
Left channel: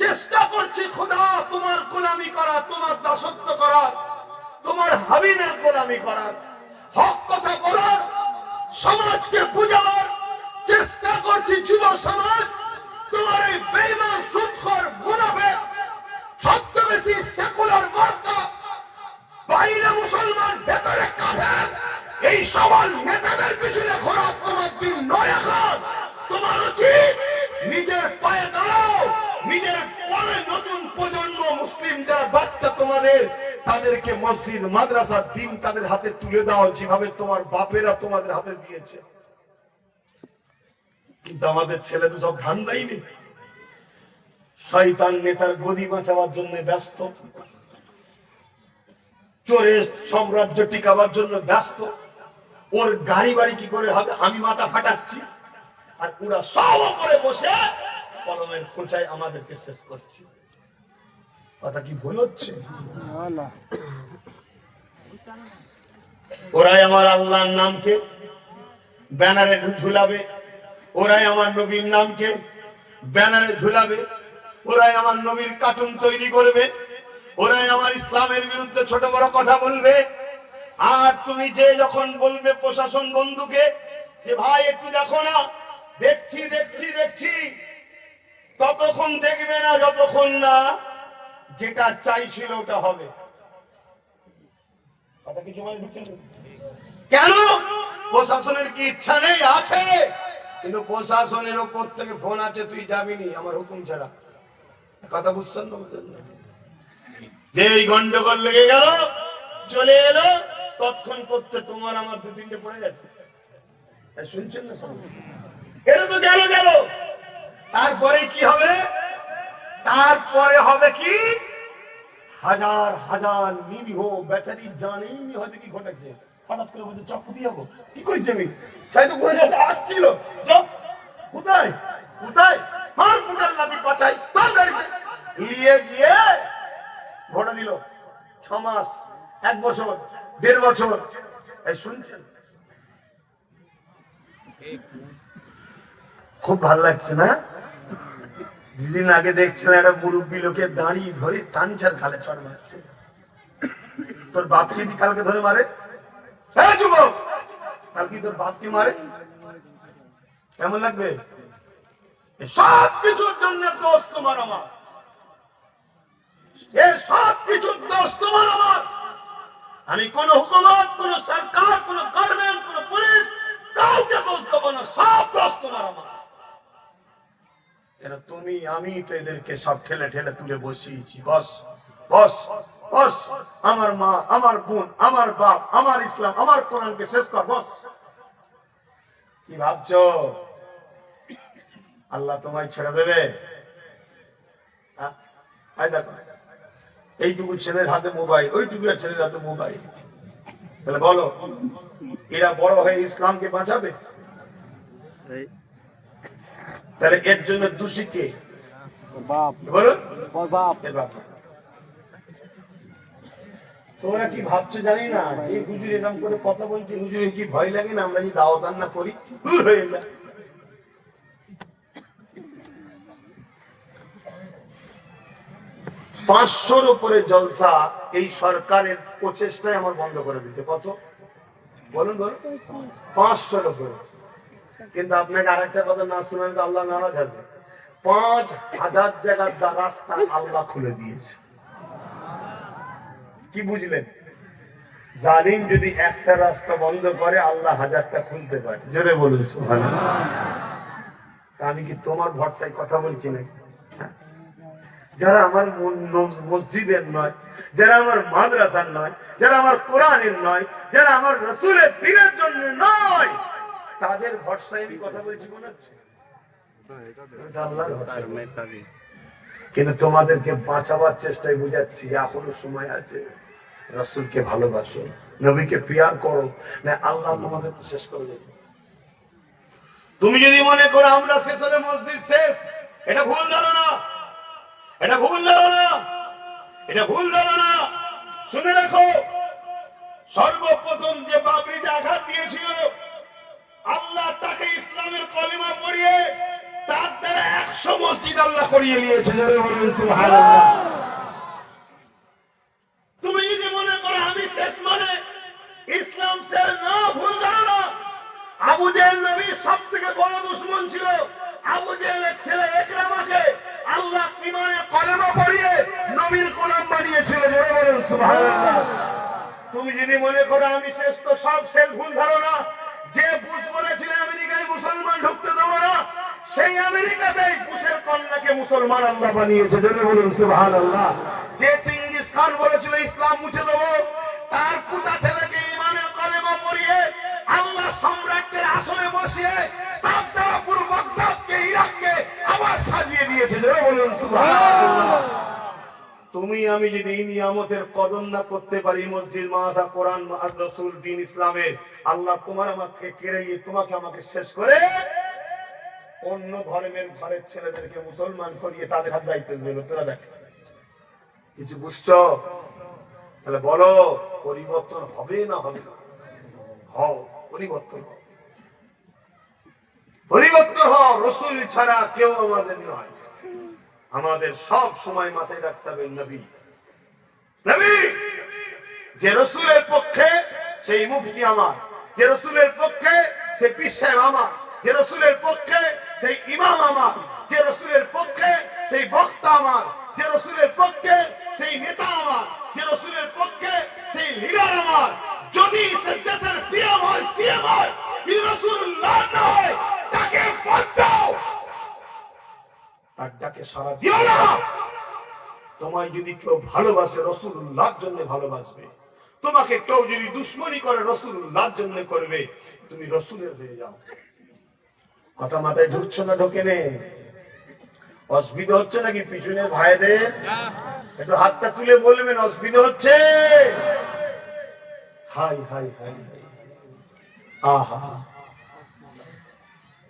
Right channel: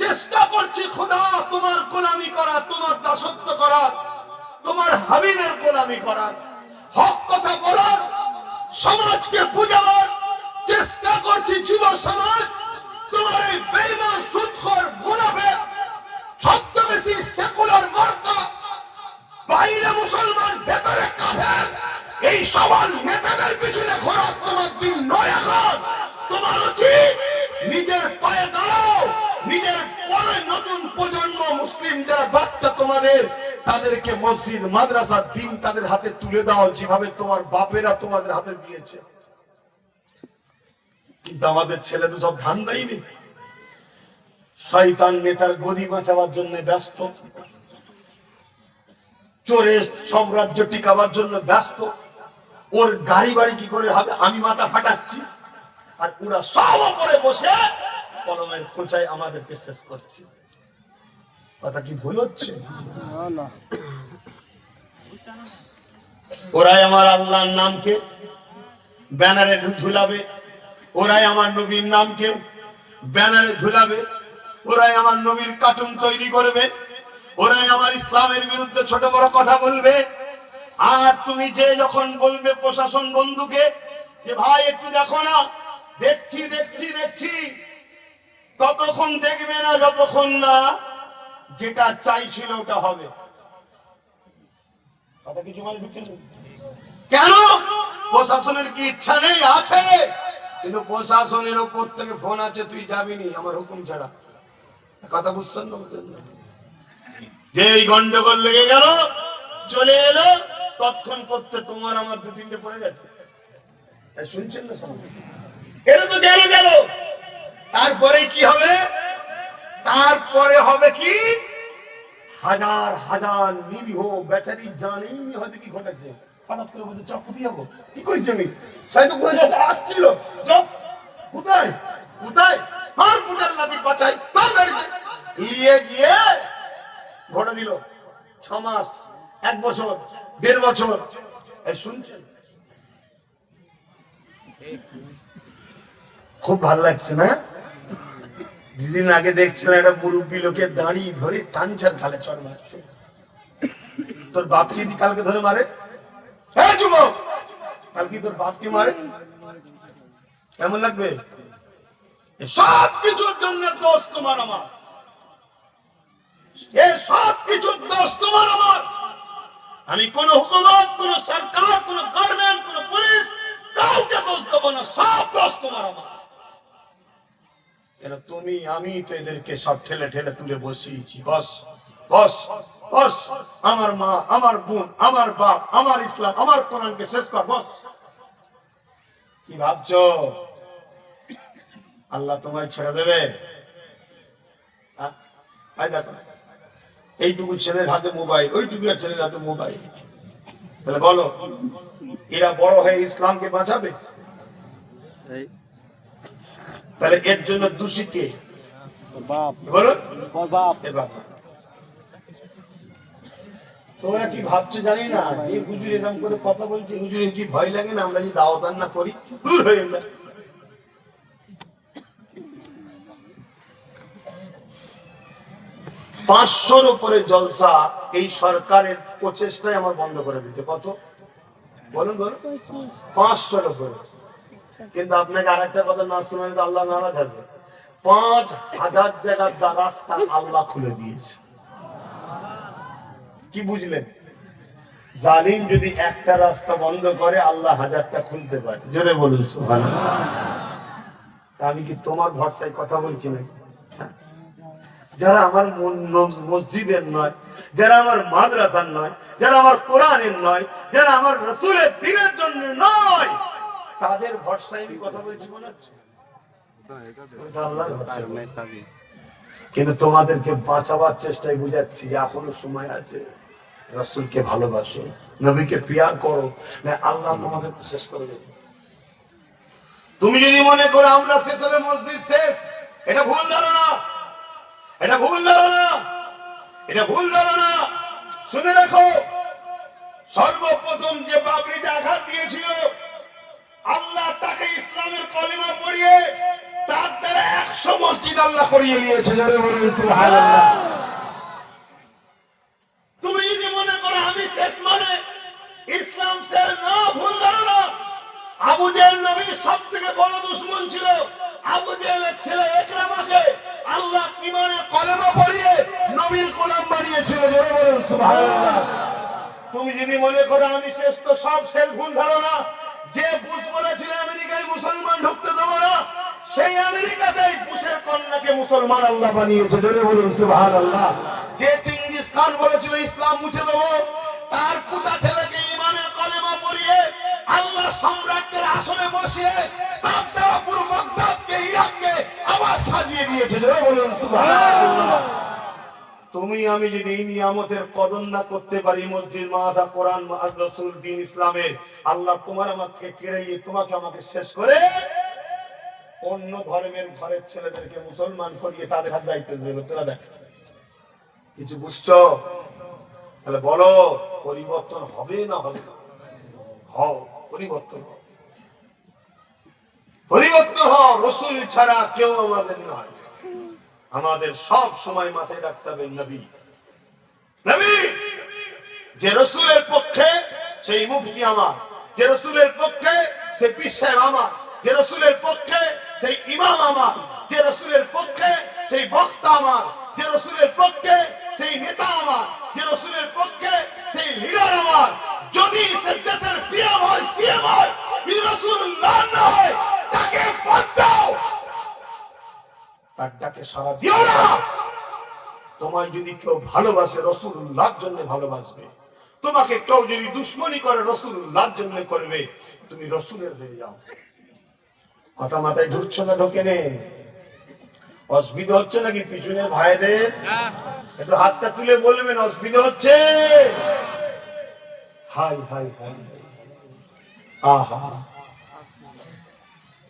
চেষ্টা করছি খোদা তোমার গোলামি করা, তোমার দাসত্ব করার, তোমার হাবিবের গোলামি করার, হক কথা বলার, সমাজকে বুঝাবার চেষ্টা করছি। যুব সমাজ, তোমার এই বেঈমান, সুদখোর, মুনাফিক, ছদ্মবেশী সেকুলার মার্কা, বাইরে মুসলমান ভেতরে কাফের, এই সবার নেতাদের পিছনে ঘোরা তোমার দিন নয়। এখন তোমার উচিত নিজের পায়ে দাঁড়াও, নিজের পরে নতুন প্রজন্ম মুসলিম যারা বাচ্চা তোমাদের, তাদেরকে মসজিদ, মাদ্রাসা, দিন তাদের হাতে তুলে দাও, যেভাবে তোমার বাপেরা তোমাদের হাতে দিয়েছে। কিন্তু আমাদের ছেলে তো সব ধান্দাই নেই, শয়তান নেতার গদি বাঁচাবার জন্য ব্যস্ত, চোরের সাম্রাজ্য টিকাবার জন্য ব্যস্ত। ওর গাড়ি বাড়ি কি করে হবে আমি মাথা ফাটাচ্ছি, আর ওরা সব করে বসে কলমের খোঁচায় আমাদেরকে শেষ করছে। কথা কি ভুল হচ্ছে? ওরাই আমার আল্লাহর নামকে ব্যানারে ঝুলাবে, ওরাই আমার নবীর নামকে ব্যানারে ঝুলাবে, ওরাই আমার নবীর কার্টুন তৈরি করবে, ওরাই আমার ইসলামের বিরুদ্ধে ছোট বড় কথা বলবে। আর তুমি যে যখন বলবে প্রশাসন বন্ধুকে যে ভাই একটু দেখো না, দেখছি দেখছি দেখছি, ততক্ষণ দেখবে না যতক্ষণ না যেটা চাইছিল ওটা হবে। কথা কিছু মানে বুঝছেন? কেন? প্রশাসনের কি ইচ্ছা নেই? আছে, কিন্তু প্রশাসনের উপর থেকে ফোন আছে, তুই যাবি নি আমার হুকুম ছাড়া। কথা বুঝছেন না? যে এই গন্ডগোল লেগে গেল, চলে এলো, তৎক্ষণ করতে তোমার আমার 2-3টে পড়ে গেছে। শুনছেন না সব? এটা তো গেল গেল, তারপরে কি হবে? তারপরে হবে কি? হাজার হাজার নিরীহ বেচারি জানেই হয়তো কি ঘটেছে, হঠাৎ করে বলছে চক কোথায় যাবো, কি করছি আমি, হয়তো কোন জায়গায় আসছিল, চক কোথায় কোথায়, আর পুটার লাঠি পাচাই, চল গাড়িতে নিয়ে গিয়ে ঘটে দিল 6 মাস, 1 বছর, 1.5 বছর। এই শুনছেন? খুব ভালো লাগছে না? দুদিন আগে দেখছিলাম একটা মুরব্বী লোকের দাঁড়ি ধরে টানছার খালে চড় মারছে। তোর বাপকে যদি কালকে ধরে মারে, হ্যাঁ যুবক, কালকে তোর বাপকে মারে, কেমন লাগবে? সব কিছুর জন্য দোষ তোমার আমার, এর সব কিছুর দোষ তোমার আমার। আমি কোন হুকুমত, কোন সরকার, কোন গভর্নমেন্ট, কোন পুলিশ, কাউকে দোষ দেবো না, সব দোষ তোমার আমার। তুমি আমি তো এদেরকে সব ঠেলে ঠেলে তুলে বসিয়েছি। বস বস বস, আমার মা, আমার বোন, আমার বাপ, আমার ইসলাম, আমার কোরআনকে শেষ কর, বস। কি ভাবছো আল্লাহ তোমায় ছেড়ে দেবে? দেখো, এইটুকু ছেলের হাতে মোবাইল, ওইটুকু ছেলের হাতে মোবাইল, তাহলে বলো এরা বড় হয়ে ইসলামকে বাঁচাবে? তাহলে এর জন্য দোষী কে? বলো, তোমরা কি ভাবছো জানি না, যে হুজুর এরকম করে কথা বলছে, হুজুরের কি ভয় লাগে না আমরা যদি দাওয়াত না করি দূর হয়ে যায়? 500-র উপরে জলসা এই সরকারের প্রচেষ্টায় আমার বন্ধ করে দিচ্ছে। কত বলুন বলুন? 500-র উপরে। কিন্তু আপনাকে আরেকটা কথা না শোনালে তো আল্লাহ নারাজ হবে। 5000 জায়গার রাস্তা আল্লাহ খুলে দিয়েছে। কি বুঝলেন? জালিম যদি একটা রাস্তা বন্ধ করে, আল্লাহ 1000টা খুলতে পারে। জোরে বলুন সুবহানাল্লাহ। আমি কি তোমার ভরসায় কথা বলছি নাকি? যারা আমার মসজিদের নয়, যারা আমার মাদ্রাসার নয়, যারা আমার কোরআনের নয়, যারা আমার রাসূলের দ্বীনের জন্য নয়, তাদের ভরসায় আমি কথা বলছি মনে হচ্ছে? কিন্তু তোমাদেরকে বাঁচাবার চেষ্টায় বুঝাচ্ছি যে এখনো সময় আছে, রাসূলকে ভালোবাসো, নবীকে প্রিয়ার করো, না আল্লাহ তোমাদেরকে শেষ করে দেবে। তুমি যদি মনে করো আমরা শেষ হলে মসজিদ শেষ, এটা ভুল ধারণা, এটা ভুল ধারণা, এটা ভুল ধারণা। শুনে রাখো, সর্বপ্রথম যে বাবরিতে আঘাত দিয়েছিল, আল্লাহ তাকে ইসলামের কলিমা পড়িয়ে তার দ্বারা 100 মসজিদ আল্লাহ করিয়ে নিয়েছে। সুবহানাল্লাহ। তুমি যদি মনে করো আমি শেষ মানে ইসলাম শেষ, না, ভুল ধারণা। আবু জেহেল নবীর সবথেকে বড় দুশমন ছিল। আবু জেহেলের ছেলে ইকরামাকে আল্লাহ ঈমানের কলেমা পড়িয়ে নবীর গোলাম বানিয়েছিল। জোরে বলুন সুবহানাল্লাহ। তুমি যদি মনে করো আমি শেষ, তো সব শেষ, ভুল ধারণা। যে বুশ বলেছিল আমেরিকায় মুসলমান ঢুকতে দেবো না, সেই আমেরিকাতেই বুশের কন্যাকে মুসলমান আল্লাহ বানিয়েছে। জোরে বলুন সুবহানাল্লাহ। যে চেঙ্গিস খান বলেছিল ইসলাম মুছে দেবো, তার পুতা ছেলেকে ঈমানের কলেমা পড়িয়ে আল্লাহ সম্রাটের আসনে বসিয়ে তার দ্বারা পুরো বাগদাদকে, ইরাককে আবার সাজিয়ে দিয়েছে। জোরে বলুন সুবহানাল্লাহ। তুমি আমি যদি এই নিয়ামতের কদর না করতে পারি, মসজিদ, মাদ্রাসা, কোরআন, রাসূল, দ্বীন ইসলামের, আল্লাহ তোমার আমার থেকে কেড়ে নিয়ে তোমাকে আমাকে শেষ করে অন্য ধর্মের ঘরের ছেলেদেরকে মুসলমান করিয়ে তাদের হাত দায়িত্ব দেবে। তোরা দেখ, কিছু বুঝছো? তাহলে বলো পরিবর্তন হবে না হবে না? হও, পরিবর্তন হও, পরিবর্তন হও। রাসূল ছাড়া কেউ আমাদের নয়। আমাদের সব সময় মাথায় রাখতে হবে নবী, নবী। যে রাসূলের পক্ষে সেই মুফতি আমার, যে রাসূলের পক্ষে সেই পীর সাহেব আমার, যে রাসূলের পক্ষে সেই ইমাম আমার, যে রাসূলের পক্ষে সেই বক্তা আমার, যে রাসূলের পক্ষে সেই নেতা আমার, যে রাসূলের পক্ষে সেই লিডার আমার যদি সে দেশের পিএম হয়, সিএম হয়, রাসূলুল্লাহ না হয়, তাকে বাদ দাও, তার ডাকে সাড়া দিও না। তোমায় যদি কেউ ভালোবাসে রাসূলুল্লাহর জন্য ভালোবাসবে, তোমাকে কেউ যদি দুশ্মনী করে রাসূলুল্লাহর জন্য করবে, তুমি রাসূলের হয়ে যাও। কথা মাথায় ঢুকছে না? ঢোকে নে? অসুবিধা হচ্ছে নাকি পিছনে ভাইদের? একটু হাতটা তুলে বলবেন অসুবিধা হচ্ছে? হাই হাই হাই, আহা,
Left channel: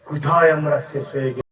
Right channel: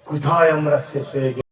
কোথায় আমরা শেষ হয়ে গেছি।